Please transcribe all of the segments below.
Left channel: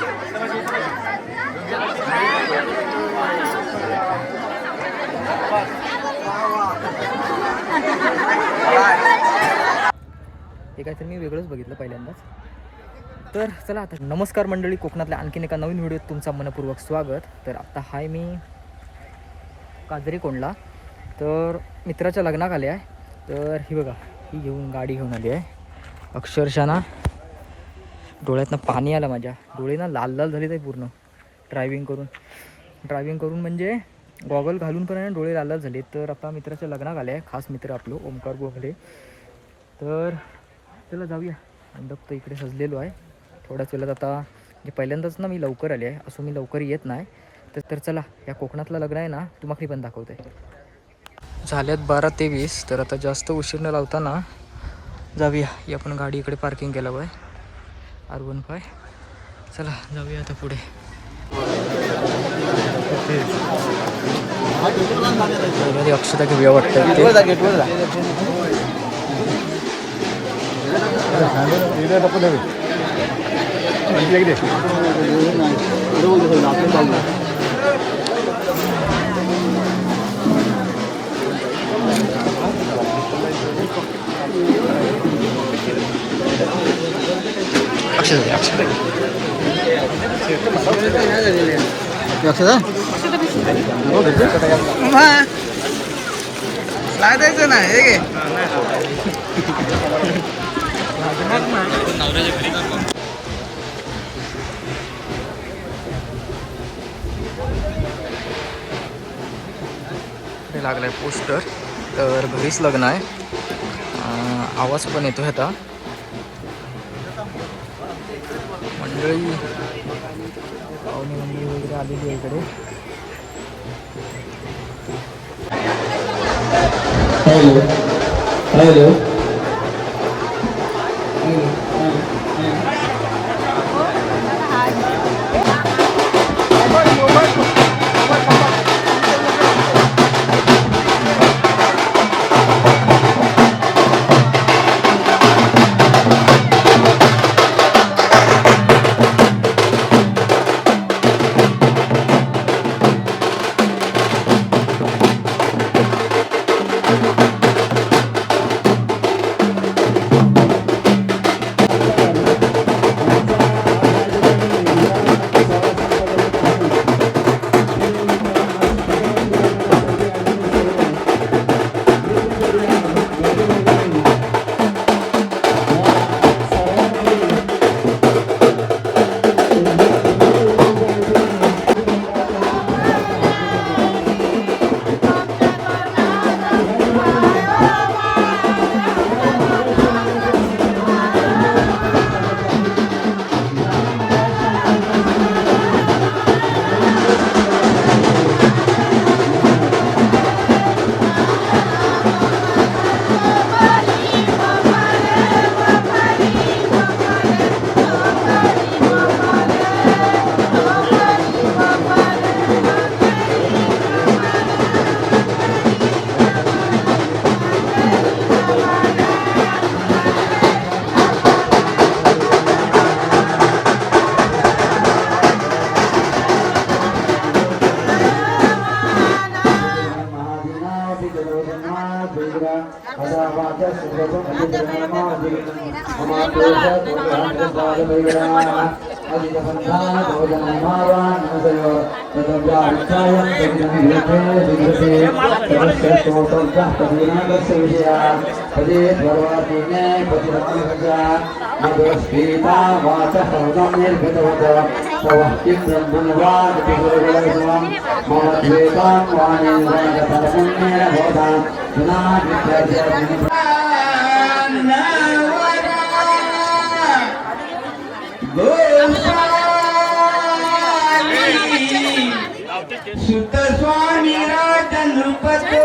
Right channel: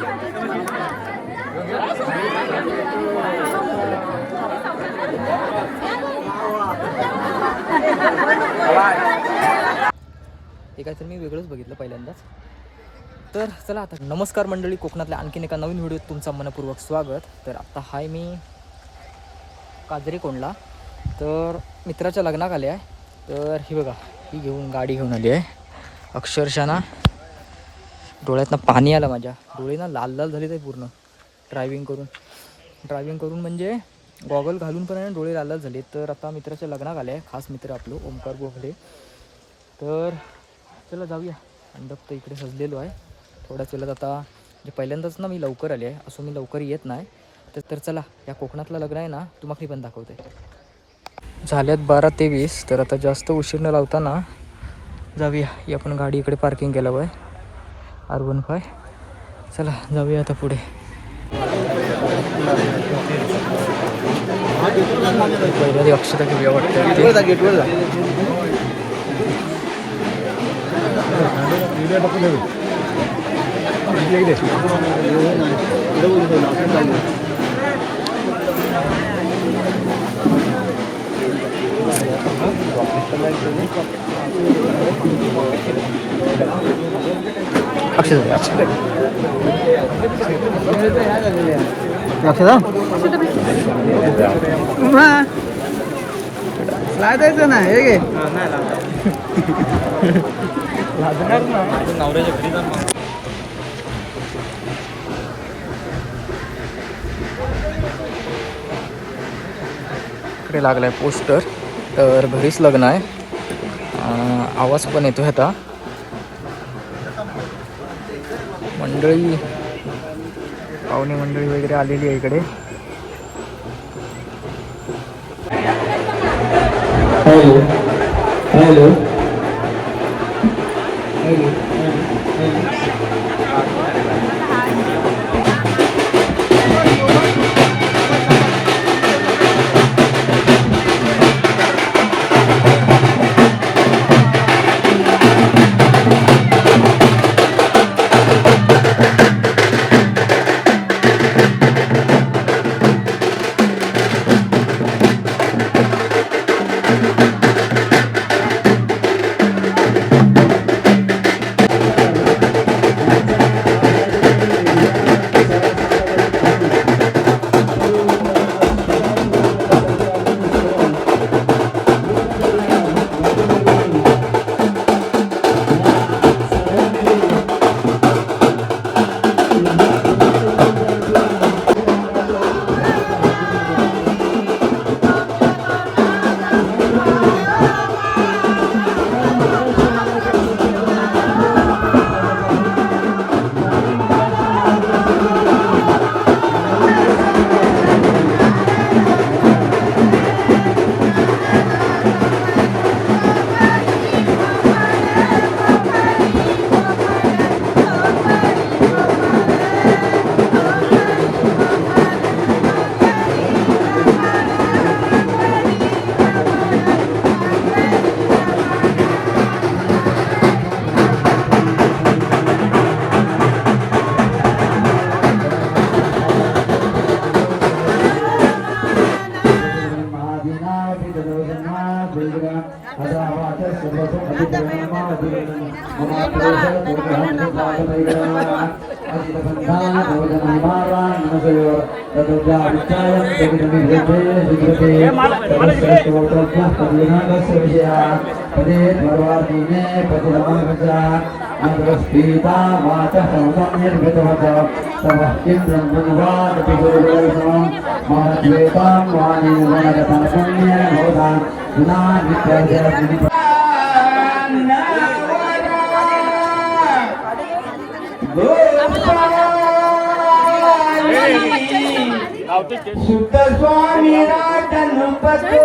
हे काहीतरी मी वेगळंच बघितलं पहिल्यांदाच. तर चला आता नमस्कार मंडळी, कोकणातल्या आणखीन एका नवीन व्हिडिओत तुमचं मनपूर्वक स्वागत. तर आत्ता हाय मी काजरीकोंडला, तर मित्राच्या लग्नात आले आहे. तर ही बघा, ही घेऊन गाडी घेऊन आली आहे. अक्षरशः ना डोळ्यातनं पाणी आलं, माझ्या डोळे ना लाल लाल झाले ते पूर्ण ड्रायव्हिंग करून म्हणजे गॉगल घालून पण डोळे लाल लाल झाले. तर आता मित्राच्या लग्नात आले आहे, खास मित्र आपलं ओमकार गोखले. तर चला जाऊया. मंडप तर इकडे सजलेलो आहे. थोड्याच वेळात आता म्हणजे पहिल्यांदाच ना मी लवकर आले आहे, असं मी लवकर येत नाही. तर चला, या कोकणातलं लग्न आहे ना तुम्हाला पण दाखवते. झाल्यात 12:23. तर आता जास्त उशीर न लावताना जाऊया. ही आपण गाडी इकडे पार्किंग केलं आहे R15. चला जाऊया आता पुढे. पहिल्या अक्षताच्या बिया वाटतात द्यायचं ना हे गे इकडे लागलाय पोस्टर. तर घरीच लग्न आहे. आवाज पण येतो आता. मंडळी, पाहुणे मंडळी वगैरे आलेली आहे इकडे. सुत स्वामी राजनुपतो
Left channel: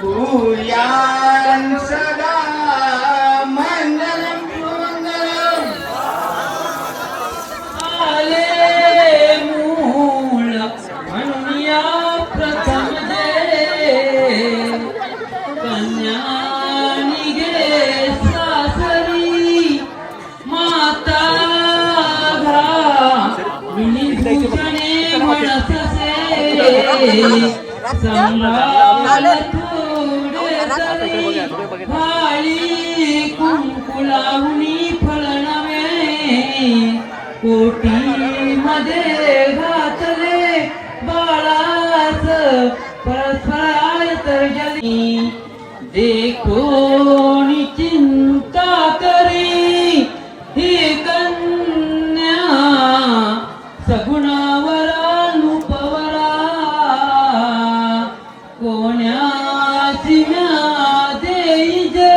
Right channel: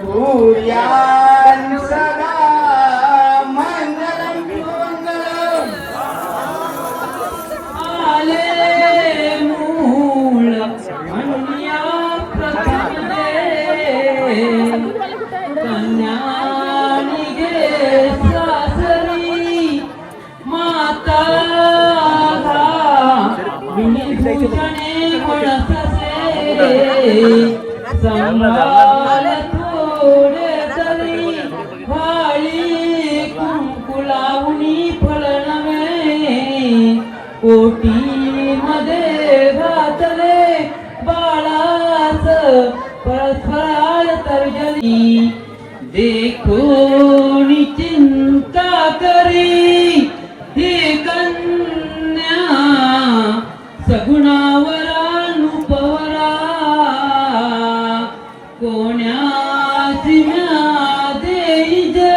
सूर्यान सदा मंगलम आले मूळ म्हणूया प्रथमे कन्या निघे सासरी भूषणे मनससे संभाल थोडे तरी हाळी कुंकुलावणी फळ नवे कोटी मध्ये घातले बाळाच परस्पराय तर्जनी देखोन चिंता करी ही कन्या सगुणावरा नुपवरा कोण्याची म्या देई जे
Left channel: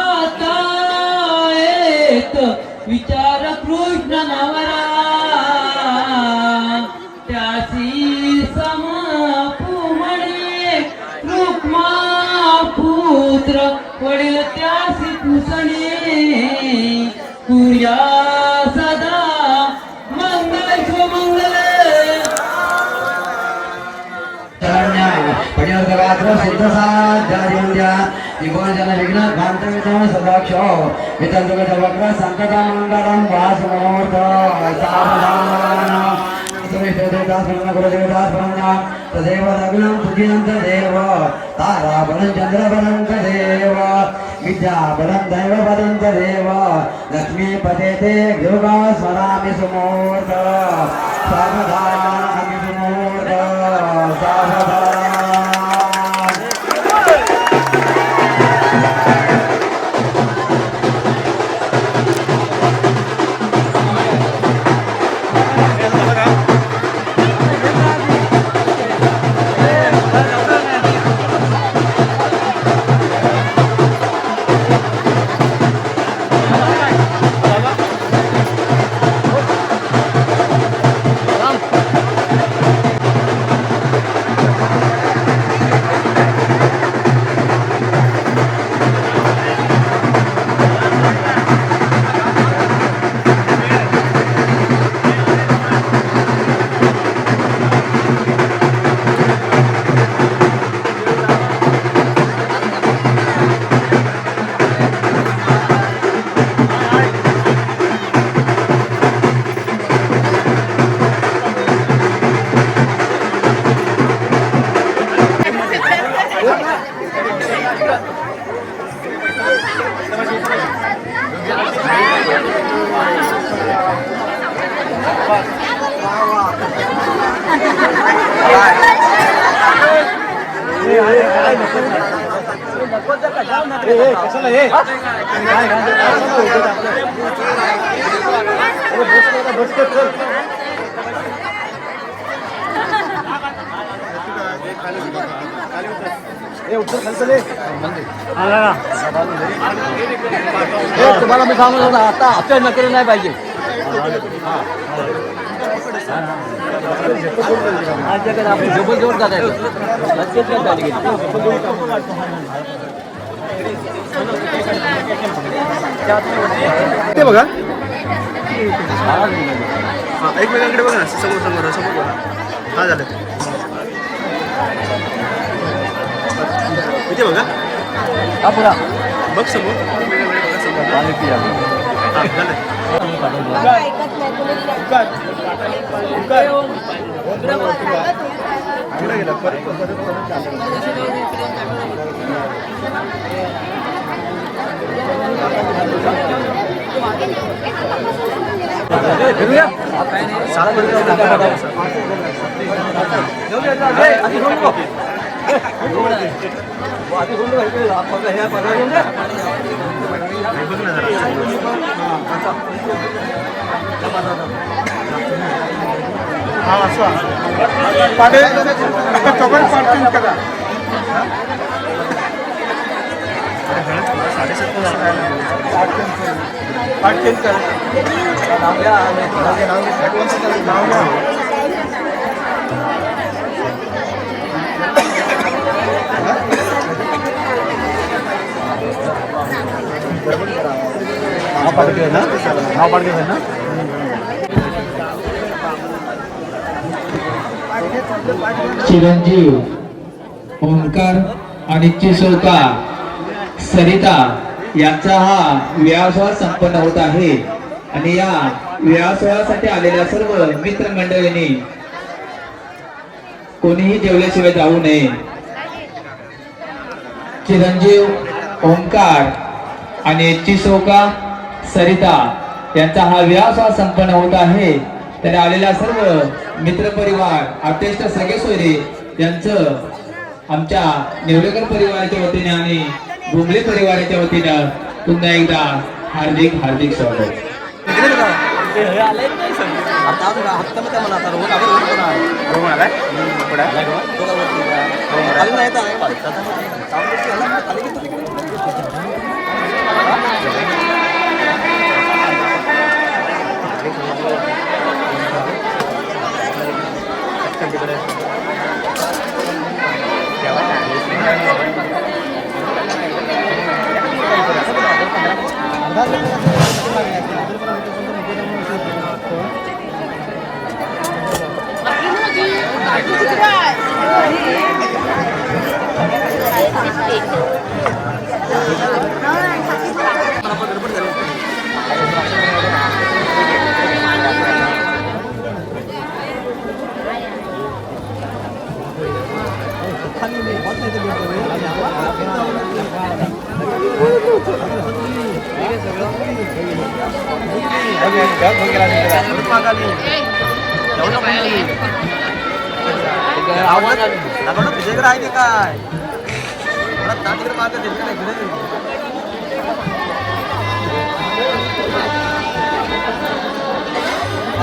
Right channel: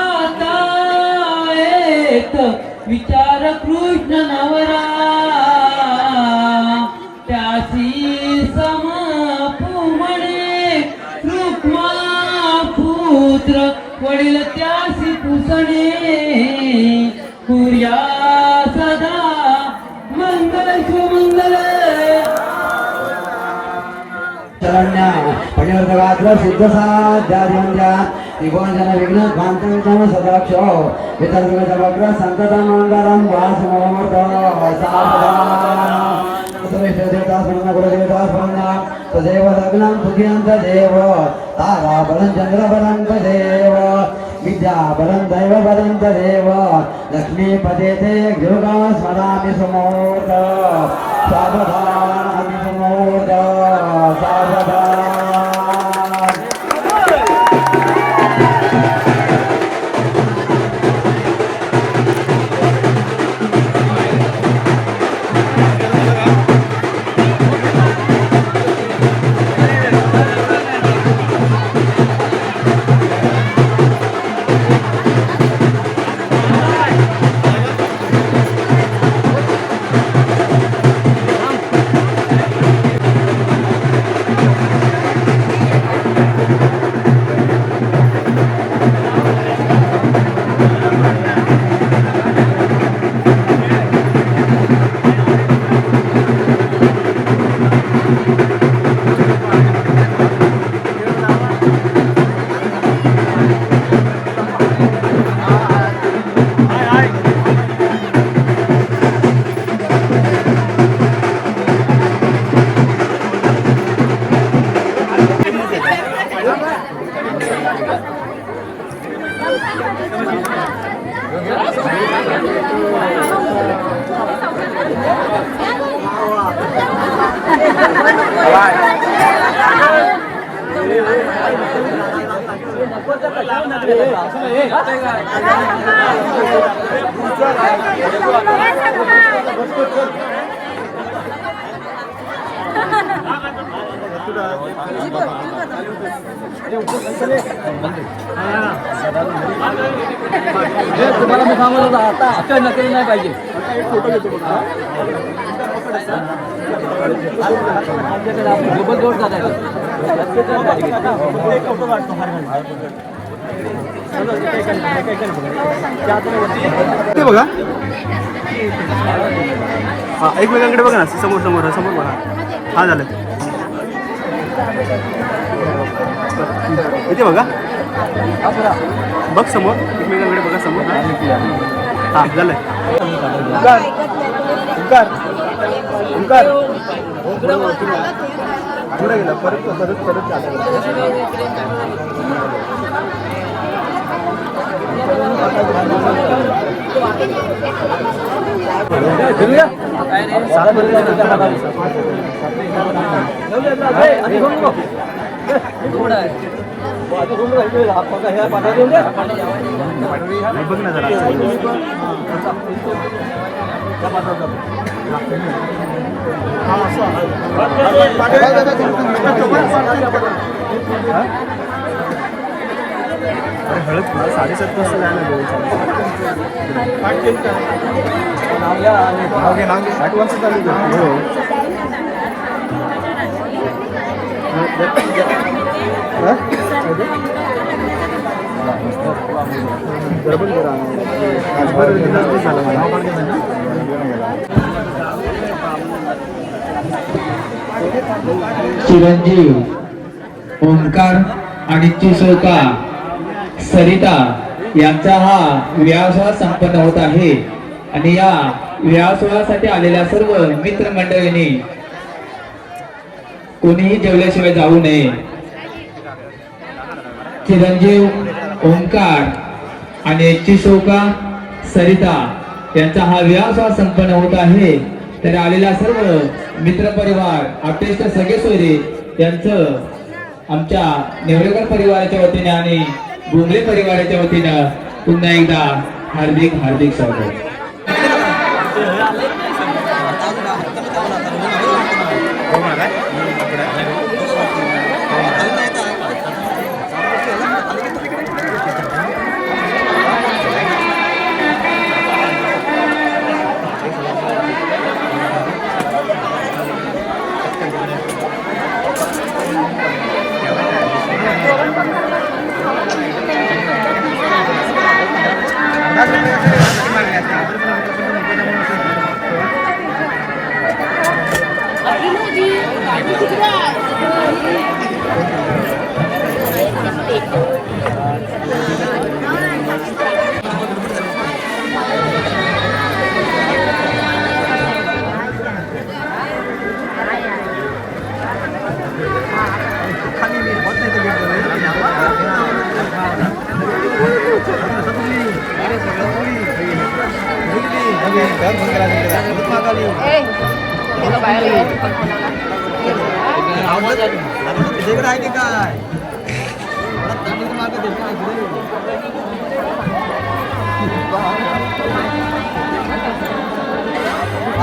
आता येत विचार कृष्ण नवरा त्यासी समापू म्हणे रुक्मा पुत्र वडील त्यासी पुसणे तुर्या सदा मंगल सुमंगल सिद्ध साध्या विघ्न भांतवितम सदक्ष वितंतुके समग्र संकट मंगलम वासमोर्थ सावधान तदेव लग्नं सुखियंत देव तारा बलं चंद्र बलं देव विद्या बलं दैव बलं देव लक्ष्मी पदे ते गृहा स्मरामि समोर्थ सावधान समोर्थ सावधान तुम्हाला मी सांगत होता आता असं नकर नाही पाहिजे जबल जवळ जायचं ते बघा हा एकमेकांकडे बघा ना समोर समोर समोर बघा हा झालं इथे बघा बघ समोर एकमेकांकडे बघा समोर हा झालं गेला परत परत परत फिरूया सात मध्ये आधी घेऊन नको आधी घेऊन ह्या पाठवा घेऊन द्या बघ ना जरा अरे हळद 7:30 वाजता जायला नाव या आणि 8 वाजता चालू चिरंजीव ओंकार आणि चिसोका सरिता यांचा हा व्यवसाय संपन्न होत आहे आणि या या सोहळ्यासाठी आलेल्या सर्व मित्रमंडळींनी कोणीही जेवल्याशिवाय जाऊ नये. चिरंजीव ओंकार आणि चिसोका सरिता यांचा हा विवाह संपन्न होत आहे. तर आलेला सर्व मित्रपरिवार आप्तेष्ट सगळे सोयरे यांचं आमच्या नेवरेकर परिवाराच्या वतीने आणि गुंडे परिवाराच्या वतीनं पुन्हा एकदा हार्दिक हार्दिक स्वागत.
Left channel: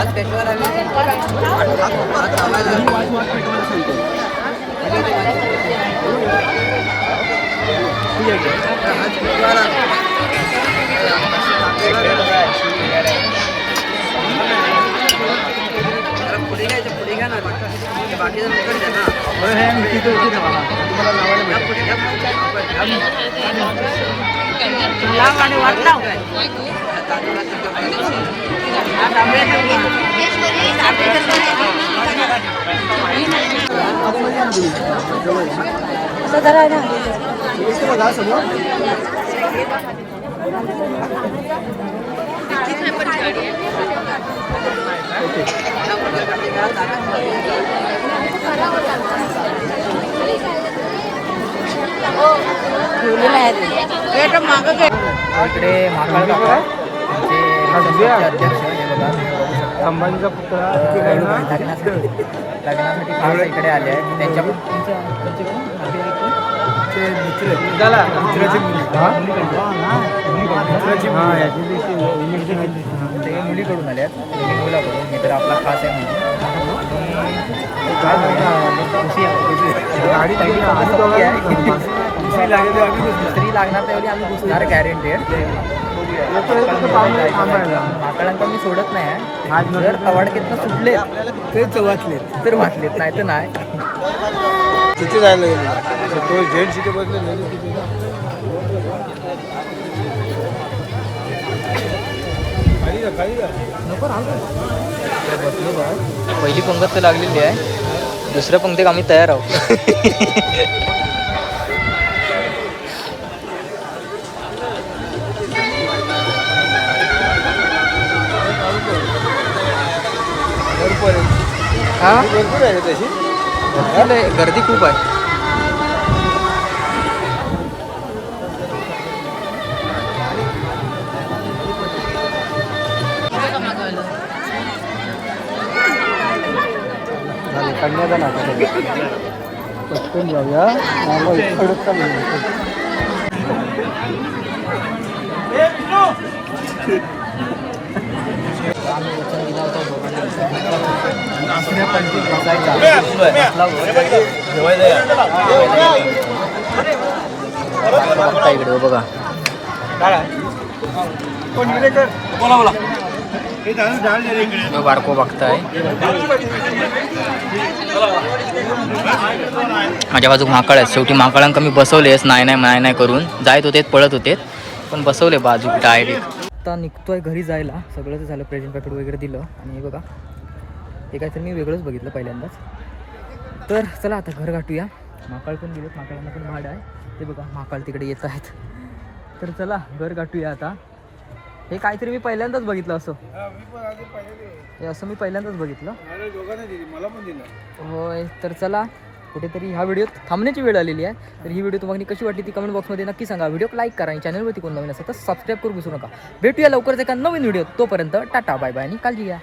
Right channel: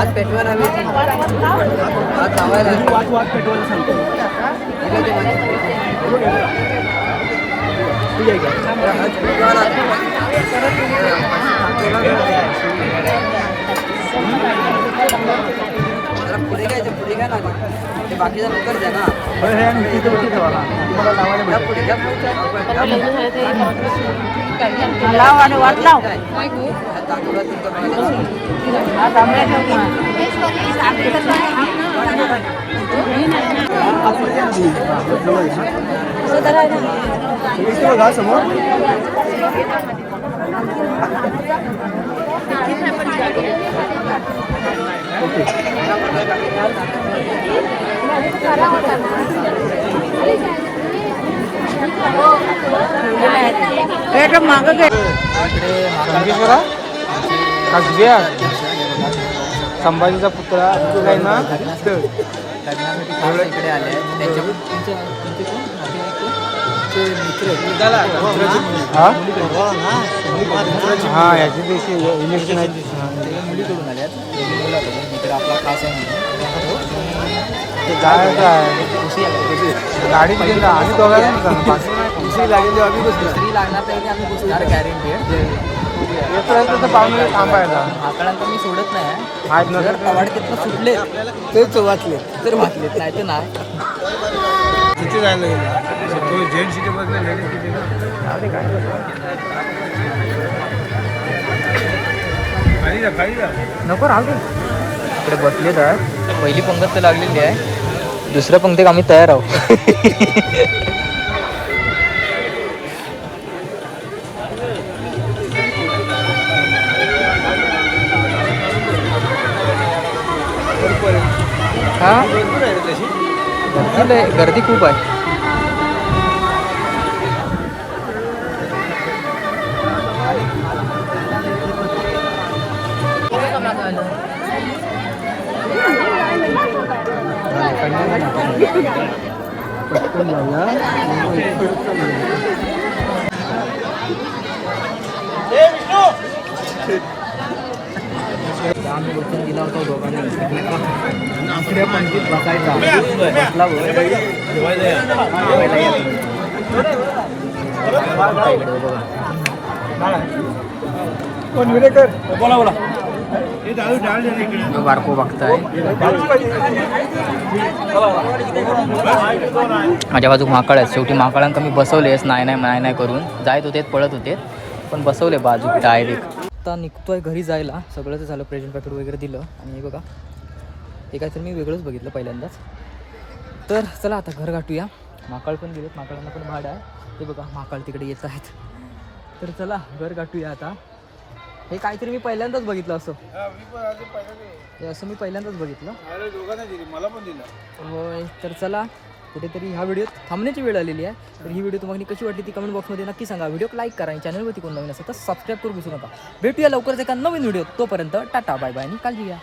आज पेटवायला हवी ती आज लावायला वाट पेटवायला सांगतो. पुढे घ्यायचं पुढे घ्या ना बाकीचा नंतर द्या ना. बरं हे आणि तिथे होती तेव्हा हा तुम्हाला लावायला मिळतं. पुढे घ्या आतमध्ये या ना तुम्ही. जवळ या. इकडे बघा समोर. ओके. इकडे महाकाळ काका जे अध्यक्ष हे बघा तुम्ही बघू शकता. अंबानीचा पुत्र लग्नासाठी खास इकडे आले आहेत. त्यांच्या तुमचे कोण नातेवाईक कोण ते मित्र ते मुलीकडून आले आहेत. त्यांनी मुलाकडून मित्र आपला खास आहे म्हणून ते काय पहिली पंगत संपली आहे. दुसरी लागणार त्यावेळी आम्ही घुसणार गॅरंटेड. महाकाळांका मी सोडत नाही आहे. जर तवाडकेतनं सुटलेत तेच वाचले तर वाचलेत नाही तर नाही. किती झालं जेंट सिटी बदले नको राहू. इकडे बसले तर पहिली पंगत तर लागलेली आहे. दुसऱ्या पंक्तीत आम्ही तयार आहोत. हा गर्दी खूप आहे. पटकन जाऊया. आम्ही वचन दिला होता दोघांनी दुसऱ्या पंक्तीत बसायचा. बसलावर जेवायला या इकडे बघा. बारको बघताय. माझ्या बाजूक महाकाळ आहेत. शेवटी महाकाळांक मी बसवलेच नाही करून जायत होते पळत होते पण बसवले बाजूक डायरेक्ट. आता निघतोय घरी जायला. सगळंच झालं. प्रेझेंट पॅकेट वगैरे दिलं आणि हे बघा हे काहीतरी मी वेगळंच बघितलं पहिल्यांदाच. तर चला आता घर गाठूया. महाकाळ पण गेलेत. महाकाळांना पण भाड आहे. ते बघा महाकाळ तिकडे येत आहेत. तर चला घर गाठूया आता. हे काहीतरी मी पहिल्यांदाच बघितलं असं. हे असं मी पहिल्यांदाच बघितलं. मला पण दिलं. होय, तर चला कुठेतरी ह्या व्हिडिओत थांबण्याची वेळ आलेली आहे. तर ही व्हिडिओ तुम्हाला कशी वाटली ती कमेंट बॉक्समध्ये नक्की सांगा. व्हिडिओ लाईक करा आणि चॅनलवरती कोण नवीन असेल तर सबस्क्राईब करू विसरू नका. भेटूया लवकरच एका नवीन व्हिडिओ. तोपर्यंत टाटा बाय बाय आणि काळजी घ्या.